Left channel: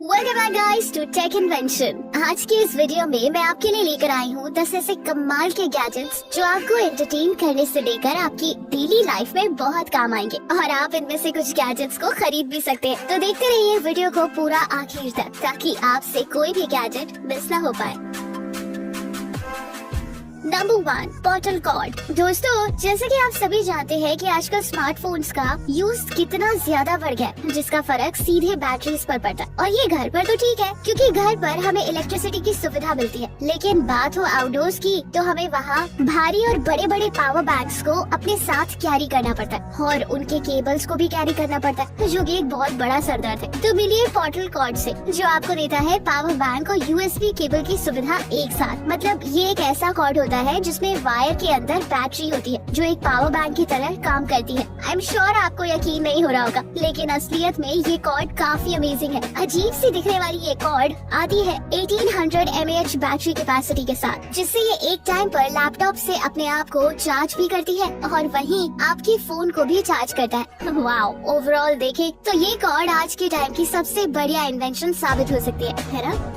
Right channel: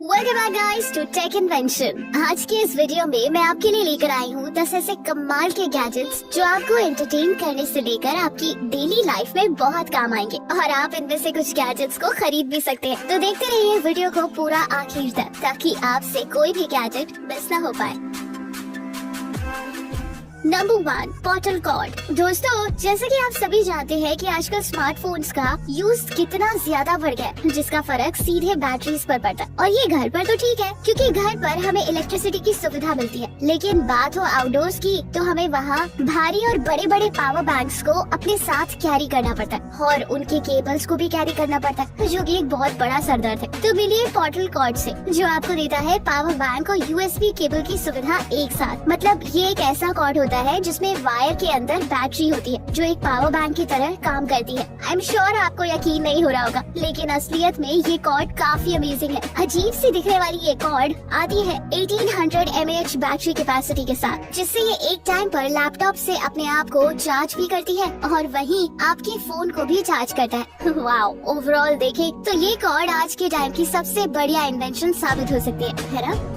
Welcome back guys to tech invention. आज के इस वीडियो में मैं आपके लिए लेकर आई हूँ 10 ऐसे कमाल के गैजेट्स जो आपको एंटरटेन करने से लेकर आपकी डेली लाइफ में बहुत काम आएंगे और आप इनमें से कुछ गैजेट्स को खरीद भी सकते हैं। तो देखते रहिए वीडियो को पूरा आखिर तक ताकि आपसे कोई भी गैजेट मिस ना हो पाए। Number 1, bottle cord. दोस्तों, जैसे कि आप सभी जानते हैं कि आजकल स्मार्टफोन्स का यूज कितना ज्यादा बढ़ गया है, जिसका फर्क सीधे बैटरीज पर पड़ता है। और ये घर पर तो ठीक है क्योंकि घर पर हमें इलेक्ट्रिसिटी की सुविधा मिलती है, लेकिन बात हो आउटडोर्स की तो हमें वहाँ भारी और बड़े बड़े पावर बैंक्स को अपने साथ कैरी करना पड़ता है और उनके केबल्स को भी कैरी करना पड़ता है, जो कि एक बहुत बड़ा सरदर्द है। तो मिलिए बॉटल कॉर्ड से, जो आपको देता है पावर बैंक और यूएसबी केबल की सुविधा एक साथ। मतलब ये एक ऐसा कॉर्ड होता है जिसमें वायर के अंदर बैटरी होती है जो एक पावर बैंक की तरह काम करती है। आई एम श्योर आपको यकीन नहीं हो रहा होगा, लेकिन असलियत में ये कॉर्ड काफी अमेजिंग है। अजीब सी दिखने वाली ये कॉर्ड आती है 1800 mAh बैटरी कैपेसिटी के साथ, जिससे ये एक टाइम पर लैपटॉप से अपने आप को चार्ज भी करती है और वहीं आपके फोन को भी चार्ज करता है। वाओ, ओवरऑल देखें तो ये कॉर्ड आज के टाइम की सबसे बढ़िया इन्वेंशन साबित हो सकती है ना?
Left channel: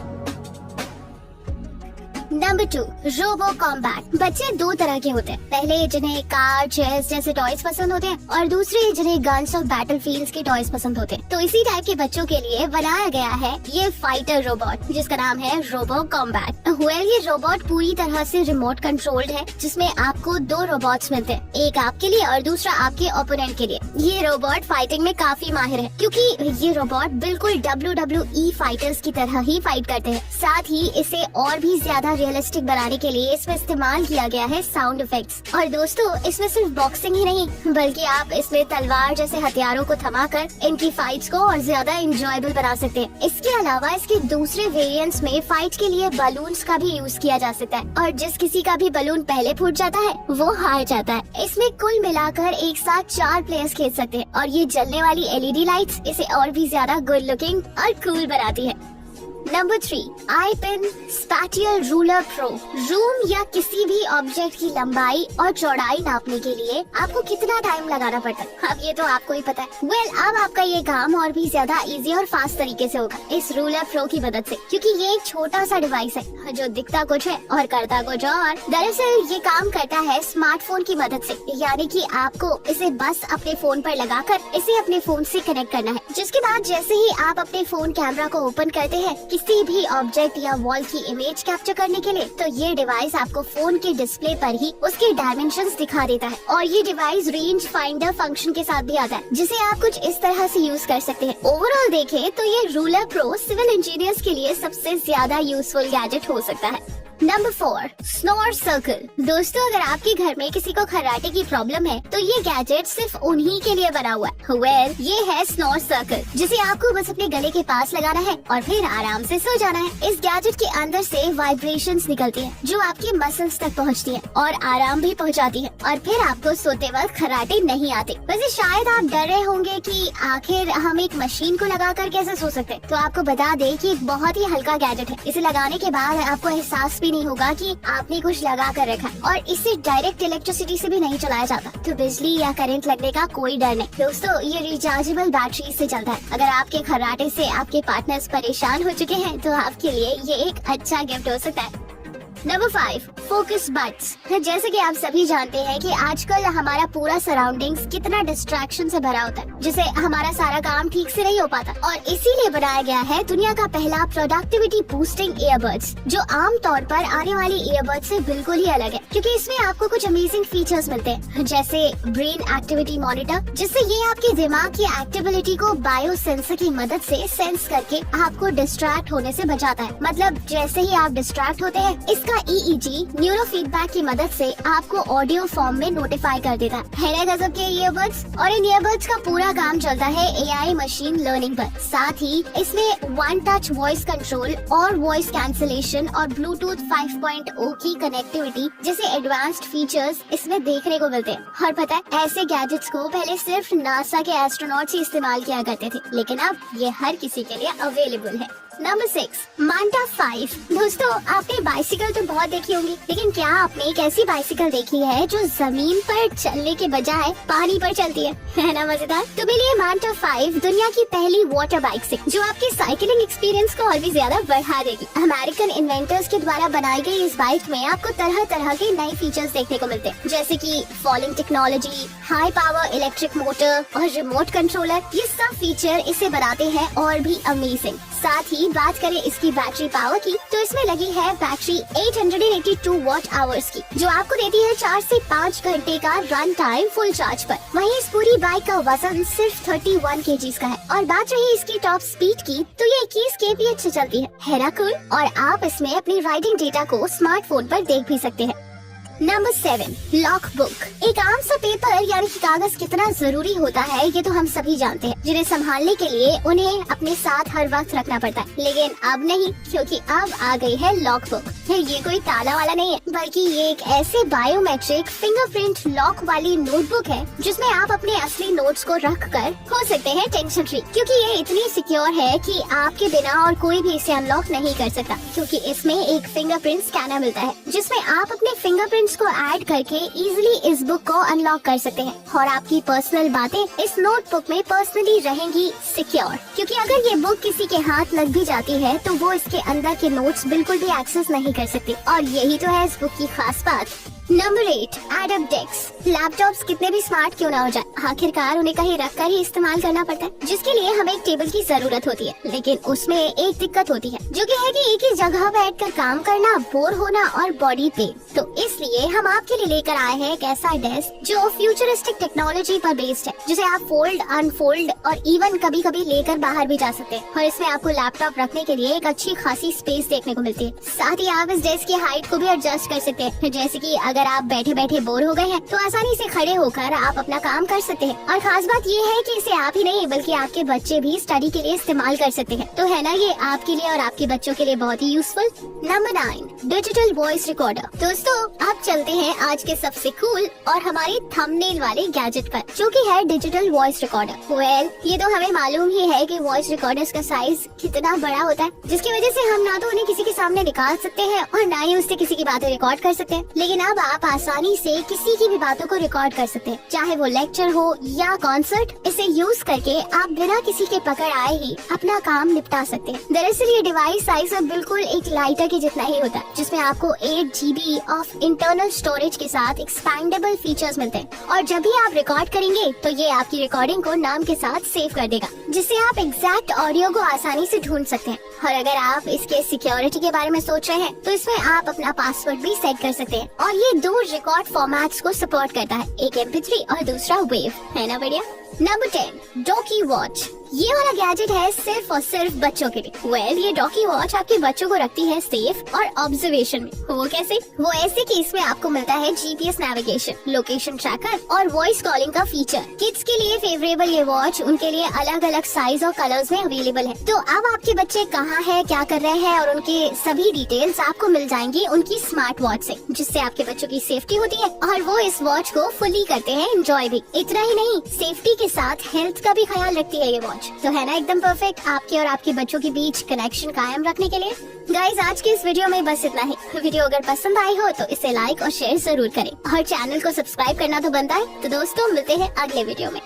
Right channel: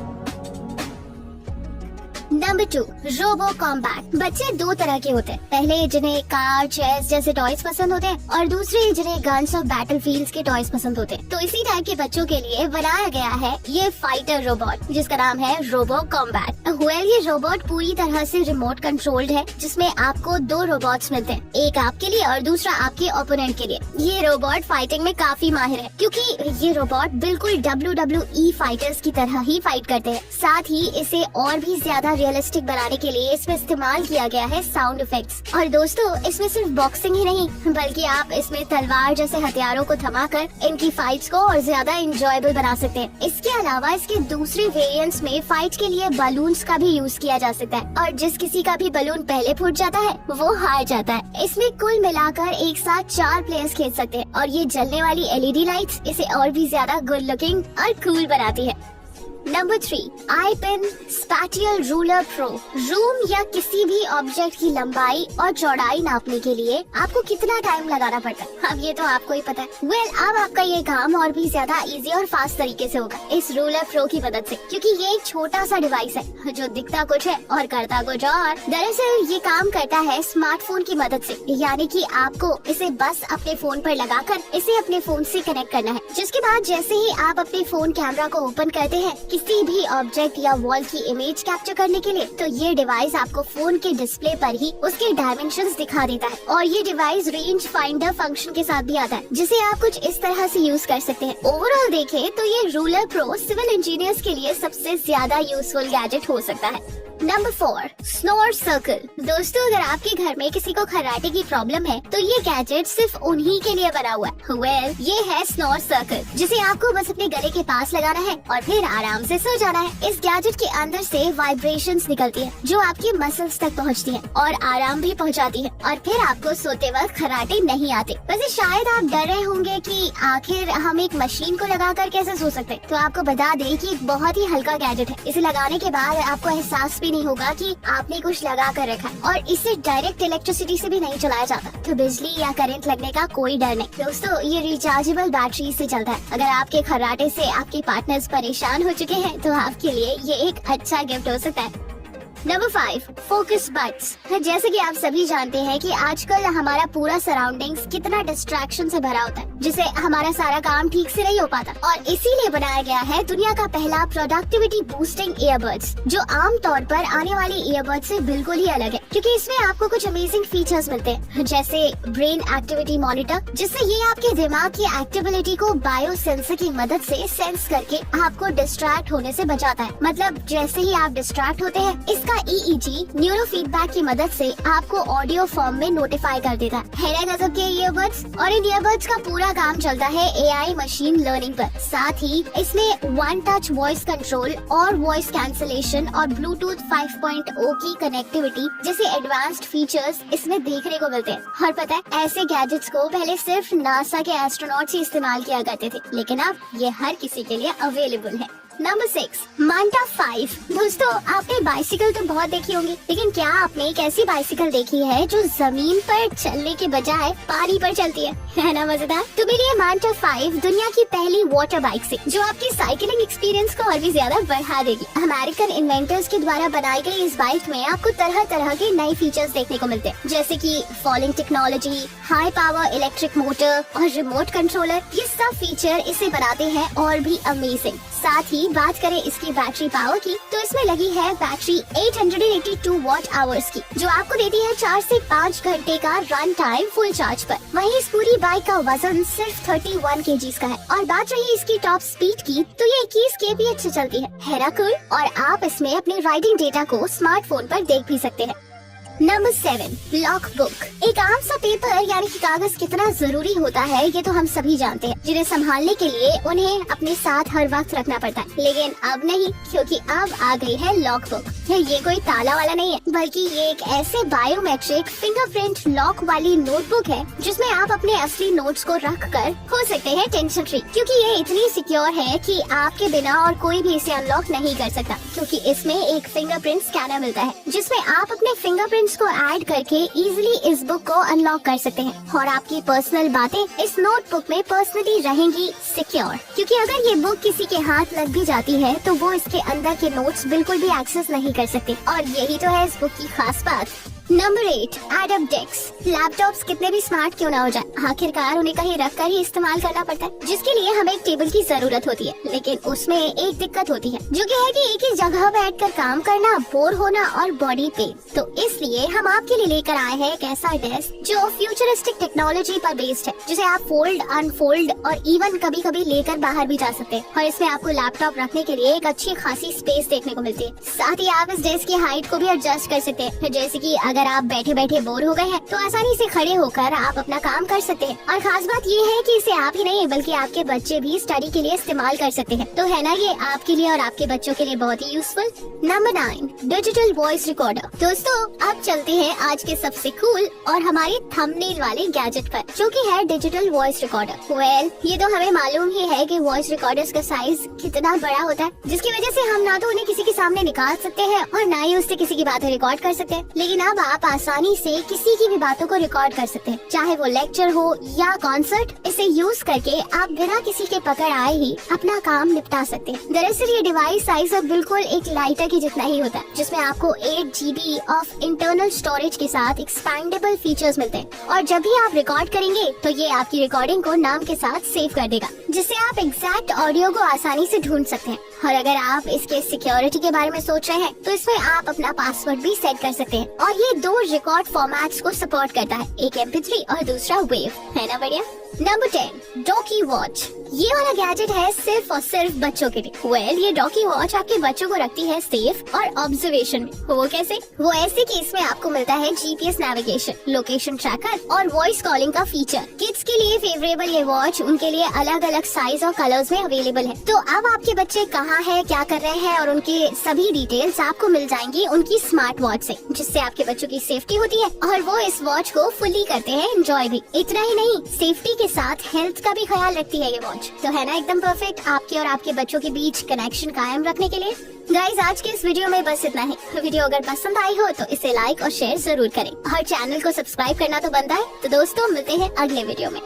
Number 2, robo combat. बच्चे दो तरह के होते हैं, पहले जिन्हें कार, चेस जैसे टॉयज पसंद होते हैं और दूसरे जिन्हें गन्स और बैटलफील्ड्स के टॉयज पसंद होते हैं। तो इसी टाइप के बच्चों के लिए बनाया गया है ये फाइटर रोबोट, जिसका नाम है रोबो कॉम्बैट। ये रोबोट पूरी तरह से रिमोट कंट्रोल्ड है, जिसमें आपको दो रोबोट्स मिलते हैं, एक आपके लिए और दूसरा आपके ओपोनेंट के लिए। ये रोबोट फाइटिंग में काफी माहिर है क्योंकि ये रोबोट बिल्कुल WWE फाइटर्स की तरह ही फाइट करते हैं। साथ ही इसे और भी ज्यादा रियलिस्टिक बनाने के लिए इसमें इस्तेमाल किया गया है साउंड इफेक्ट्स। और दोस्तों, इसमें सिर्फ बॉक्सिंग ही नहीं बल्कि आप इसमें तलवार जैसे हथियारों को थमाकर इनकी फाइट्स को और ज्यादा एंजॉयबल बना सकते हैं। इसके अलावा इसके दूसरे वेरिएंट्स में फाइट के लिए बलून्स का भी यूज किया जा सकता है और जिस किसी का भी बलून पहले फूट जाता है वो हार जाता है। इसमें कुल मिलाकर एक साथ 4 प्लेयर्स खेल सकते हैं और ये जलने वाली LED लाइट्स इसे और भी ज्यादा गुड लुकिंग और कूल बनाती है। Number 3, iPen spatial ruler pro. Room या किसी भी ऑब्जेक्ट की लंबाई और चौड़ाई नापने के लिए आपको कितना टाइम लगाना पड़ता है, अब ये तो आपको ही पता है। अब आपका ये काम और भी ज्यादा इजी और फास्ट तरीके से होगा इस रूलर प्रो की मदद से, क्योंकि ये एक छोटा सा डिवाइस है जो दिखता कुछ है और करता कुछ और। दरअसल ये काम करता है स्मार्टफोन की मदद से, यानी कि आपको इसे बस अपने फोन पर लगाकर इसे अपने फोन से कनेक्ट करना है, जिसके बाद जैसे ही आप अपने फोन कैमरा को ओपन करते हैं किसी भी ऑब्जेक्ट या वॉल की इमेज कैप्चर करने के लिए, तो ये डिवाइस आपको फोन के डिस्प्ले पर ही उसके डायमेंशंस दिखा देता है। और ये डिवाइस रेंज फाइंडर फंक्शन के साथ भी आता है, जिसे आप कुछ इस तरह से यूज कर सकते हैं। ओवरऑल देखें तो ये रूलर प्रो सिविल इंजीनियर्स के लिए सबसे ज्यादा यूजफुल गैजेट हो सकता है। Number 4, snore circle. दोस्तों, अगर आपके घर में किसी को खर्राटे की प्रॉब्लम है तो ये गैजेट सिर्फ उन्हीं के लिए बना हुआ है। ये है स्नोर सर्कल, जिसे आपको बस अपने गले के पास लगाना है और फिर आराम से सो जाना है। इस गैजेट के अंदर से वाइब्रेशंस निकलती है जो आपके मसल्स तक पहुंचती है और आराम भी पहुंचाती है और फिर आपको सोते वक्त खर्राटे नहीं आते। वैसे शायद आप डर रहे होंगे कि आखिर हम एक मशीन को लगाकर कैसे सो सकते, तो आपको बता दें कि बहुत ही हल्का गैजेट है। इसे लगाने के बाद आपको एहसास भी नहीं होगा कि आपने कुछ लगा कर रखा है और इसे डायरेक्ट इलेक्ट्रिसिटी से भी नहीं चलाया जाता, तो बिजली या करंट लगने का कोई डर नहीं। दोस्तों, ये रिचार्जेबल बैटरी से चलता है। अगर आपके खर्राटे से आपके पार्टनर्स परेशान हो चुके हैं तो आपके लिए ये एक अच्छा गिफ्ट हो सकता है। Number 5, focus buds. जैसे कि आप सभी जानते हैं कि आजकल हमारा पूरा सराउंडिंग्स कितना डिस्ट्रैक्शन से भरा होता है, जिससे हमारा सारा काम ठीक से नहीं हो पाता, और इसीलिए बनाया गया है दुनिया का पहला प्रोडक्टिविटी बूस्टिंग ईयरबड्स, जो आम तौर पर आने वाले ईयरबड्स से बिल्कुल ही अलग है, क्योंकि इसमें आपको कुछ अमेजिंग फीचर्स मिलते हैं, जैसे ब्रेन एक्टिविटी मॉनिटर, जिससे ये आपके दिमाग की एक्टिविटी को बायो सेंसर की मदद से सेंस करके आपको डिस्ट्रैक्ट होने से बचाता है। मतलब जैसे ही आप डिस्ट्रैक्ट होते हैं, इसका EEG न्यूरो फीडबैक की मदद से आपको ऑडियो फॉर्म में नोटिफाई कर देता है गजब के ईयरबड्स। और इन ईयरबड्स का पूरा काम चलता है AI मशीन लर्निंग पर। साथ ही इसमें वन टच वॉइस कंट्रोल और वॉइस कैंसिलेशन और ब्लूटूथ 5.0 की कनेक्टिविटी जैसे एडवांस्ड फीचर्स इसमें देखने को मिलते हैं। और पता है, ऐसे गैजेट्स को पहले सिर्फ नासा के एस्ट्रोनॉट्स ही इस्तेमाल किया करते थे, लेकिन अब ये हर किसी के लिए अवेलेबल है। नंबर 6 मांटा 5। दोस्तों आपने बाइसिकल तो बहुत देखी होंगी, लेकिन क्या आपने एक ऐसी बाइसिकल देखी है जो जमीन पर चलने के बजाय पानी पर चलती है ना मजेदार। तो मिलिए मांटा 5 दुनिया की पहली वाटर बाइक से, जो आपके साइकिलिंग एक्सपीरियंस को और भी ज्यादा बढ़ा देगी। अमेरिकन इन्वेंटर्स के द्वारा बनाई गई इस बाइक में आपको तरह तरह के नए फीचर्स देखने को मिलते हैं, जैसे कि falling technology, high power electric motor और रिमोट कंट्रोलर। ये सब फीचर इसे बनाते हैं और भी अमेजिंग। साथ ही बात करें इसकी बैटरी पावर की, तो इसमें लगी है बैटरी 882 वॉट आवर्स की, जो आपको देती है 4 से 5 घंटे का रन टाइम फुल चार्ज पर। वहीं इस पूरी बाइक का वजन सिर्फ 31 kg का है। और बात रही इसकी टॉप स्पीड की, तो ये 21 kph से चलती है ना कूल। और आप इसमें अपनी राइडिंग डेटा को स्मार्टफोन पर देख भी सकते हैं। Number 7 log book. एक आम सा पेपर यानी कि कागज कितना जरूरी होता है ये तो हम सभी जानते हैं, जिन्हें संभालने के लिए उन्हें अपने साथ हर वक्त रखना पड़ता है। लेकिन अब नहीं, क्योंकि अब आ गई है लॉग बुक। ये कोई ताला वाला नहीं है, बल्कि ये एक ऐसे बायोमेट्रिक फिंगरप्रिंट लॉक वाली नोटबुक है जिसमें आप अपने असली नोट्स को रख कर हो सकते हैं टेंशन फ्री, क्योंकि ये इतनी सिक्योर है कि आपके बिना और कोई भी इसे अनलॉक नहीं कर सकता। क्योंकि इसमें एक फिंगरप्रिंट स्कैनर मिलता है, जिसमें आप अपने फिंगरप्रिंट्स को ऐड करके इजीली इस बुक को अनलॉक कर सकते हैं। और आपकी पर्सनल बातें इस नोटबुक में पर्सनली रहेंगी सिक्योर, क्योंकि अगर ये बुक किसी के हाथ लग भी जाती है तो वो इसके अंदर के नोट्स बिल्कुल भी एक्सेस नहीं कर सकते। और यही तो है इस बुक की खास बात। Number 8 एडब desk. लैपटॉप्स कितने भी स्मार्ट क्यों ना हो जाए, आखिरकार उन्हें कहीं रख कर ही इस्तेमाल करना पड़ता है, जिसके लिए हमें एक टेबल की जरूरत होती है। लेकिन उसमें एक दिक्कत होती है, जो कि है कि एक ही जगह बैठकर काम करना, बोर होना और बॉडी पेन। तो इसलिए हम आपके लिए लेकर आए हैं एक ऐसा डेस्क जो फ्यूचरिस्टिक टेक्नोलॉजी पर बेस्ड है, जिसे आप फोल्ड, अनफोल्ड और इवन कभी कभी लेकर बाहर भी जा सकते हैं। और इसमें आपको लैपटॉप रखने के लिए एक अच्छी खासी स्पेस देखने को मिलती है। साथ ही आप इस डेस्क की हाइट को भी एडजस्ट कर सकते हैं, जैसे कि अगर आप बैठे बैठे बोर हो गए हैं तो आसानी से खड़े होकर आप अपना काम कर सकते हैं। और खास बात ये है कि इसे आप ही नहीं बल्कि आपके बच्चे भी स्टडी के लिए इस्तेमाल कर सकते हैं। तो है ना ये आपके लिए और आपके बच्चों के लिए बहुत ही useful. Number 9 digital voice recorder. दोस्तों अब चलते हैं आज के सबसे कूल और हमारी थंबनेल वाले गैजेट पर, जो कि है डिजिटल वॉइस रिकॉर्डर। वेल ये तो हमें मालूम ही है कि वॉइस रिकॉर्डर्स का साइज कितना बड़ा होता है, जिसकी वजह से हम ना तो उन्हें किसी के सामने निकाल सकते हैं और ना ही उससे किसी की बातें रिकॉर्ड कर सकते हैं। लेकिन अब आप आसानी से किसी की भी बातों को रिकॉर्ड कर सकते हैं, चाहे वो लेक्चर हो या कॉन्सर्ट। इसे यूज करके आप बिना किसी के पकड़ आए ही अपना काम निपटा सकते हैं। दरअसल ये डिवाइस साइज अब बिल्कुल एक लाइटर के जितना ही होता है, जिसमें आपको 8 GB ऑफ इंटरनल स्टोरेज के साथ एक्सपैंडेबल फीचर्स मिलते हैं। और जब भी आप रिकॉर्ड करेंगे तो ये आपकी रिकॉर्डिंग को नाम के साथ सेव कर देगा, जिससे आप एग्जैक्ट ऑडियो को आसानी से ढूंढ सकते हैं। और अगर आप इसके सिक्योरिटी के बारे में सोच रहे हैं तो इसमें आप अपना पासवर्ड भी सेट कर सकते हैं। और ये 2 रिकॉर्ड फॉर्मेट्स को सपोर्ट करता है, एक MP3 और दूसरा वेव। है ना बढ़िया। Number 10 Dawki watch. ये वाला गैजेट है सिर्फ और सिर्फ बच्चों के लिए। वेल ये डॉकी वॉच आपके बच्चों को रखती है सेफ और ऑब्जर्वेशन में। वो कैसे? वो ऐसे कि इसमें आपको मिलता है GPS नेविगेशन, लोकेशन ट्रैकर और वॉइस कॉलिंग का फीचर। किड्स के लिए फेवरेबल ये वॉच उनके लिए अलग अलग साइज और कलर्स में अवेलेबल है। तो अब आपके बच्चे कहाँ हैं, क्या कर रहे हैं और उनके सभी डिटेल्स आपको मिल जाएंगी उनकी स्मार्ट वॉच से, जिससे आपके बच्चों की सेफ्टी होती है और वो इस वॉच को फुली करते हैं एंजॉय भी। इतना ही नहीं, सेफ्टी के साथ हेल्थ का भी ख्याल रखती है ये वॉच। तो है ना एकदम परफेक्ट आपके और आपके बच्चों के बीच कनेक्शन कायम रखने के लिए। गाइस आज के इस वीडियो में बस इतना ही। वीडियो अगर पसंद आई हो तो इसे लाइक और शेयर जरूर करें और चैनल को सब्सक्राइब करना तो बनता है। तो दोस्तों मिलते हैं अगले वीडियो में।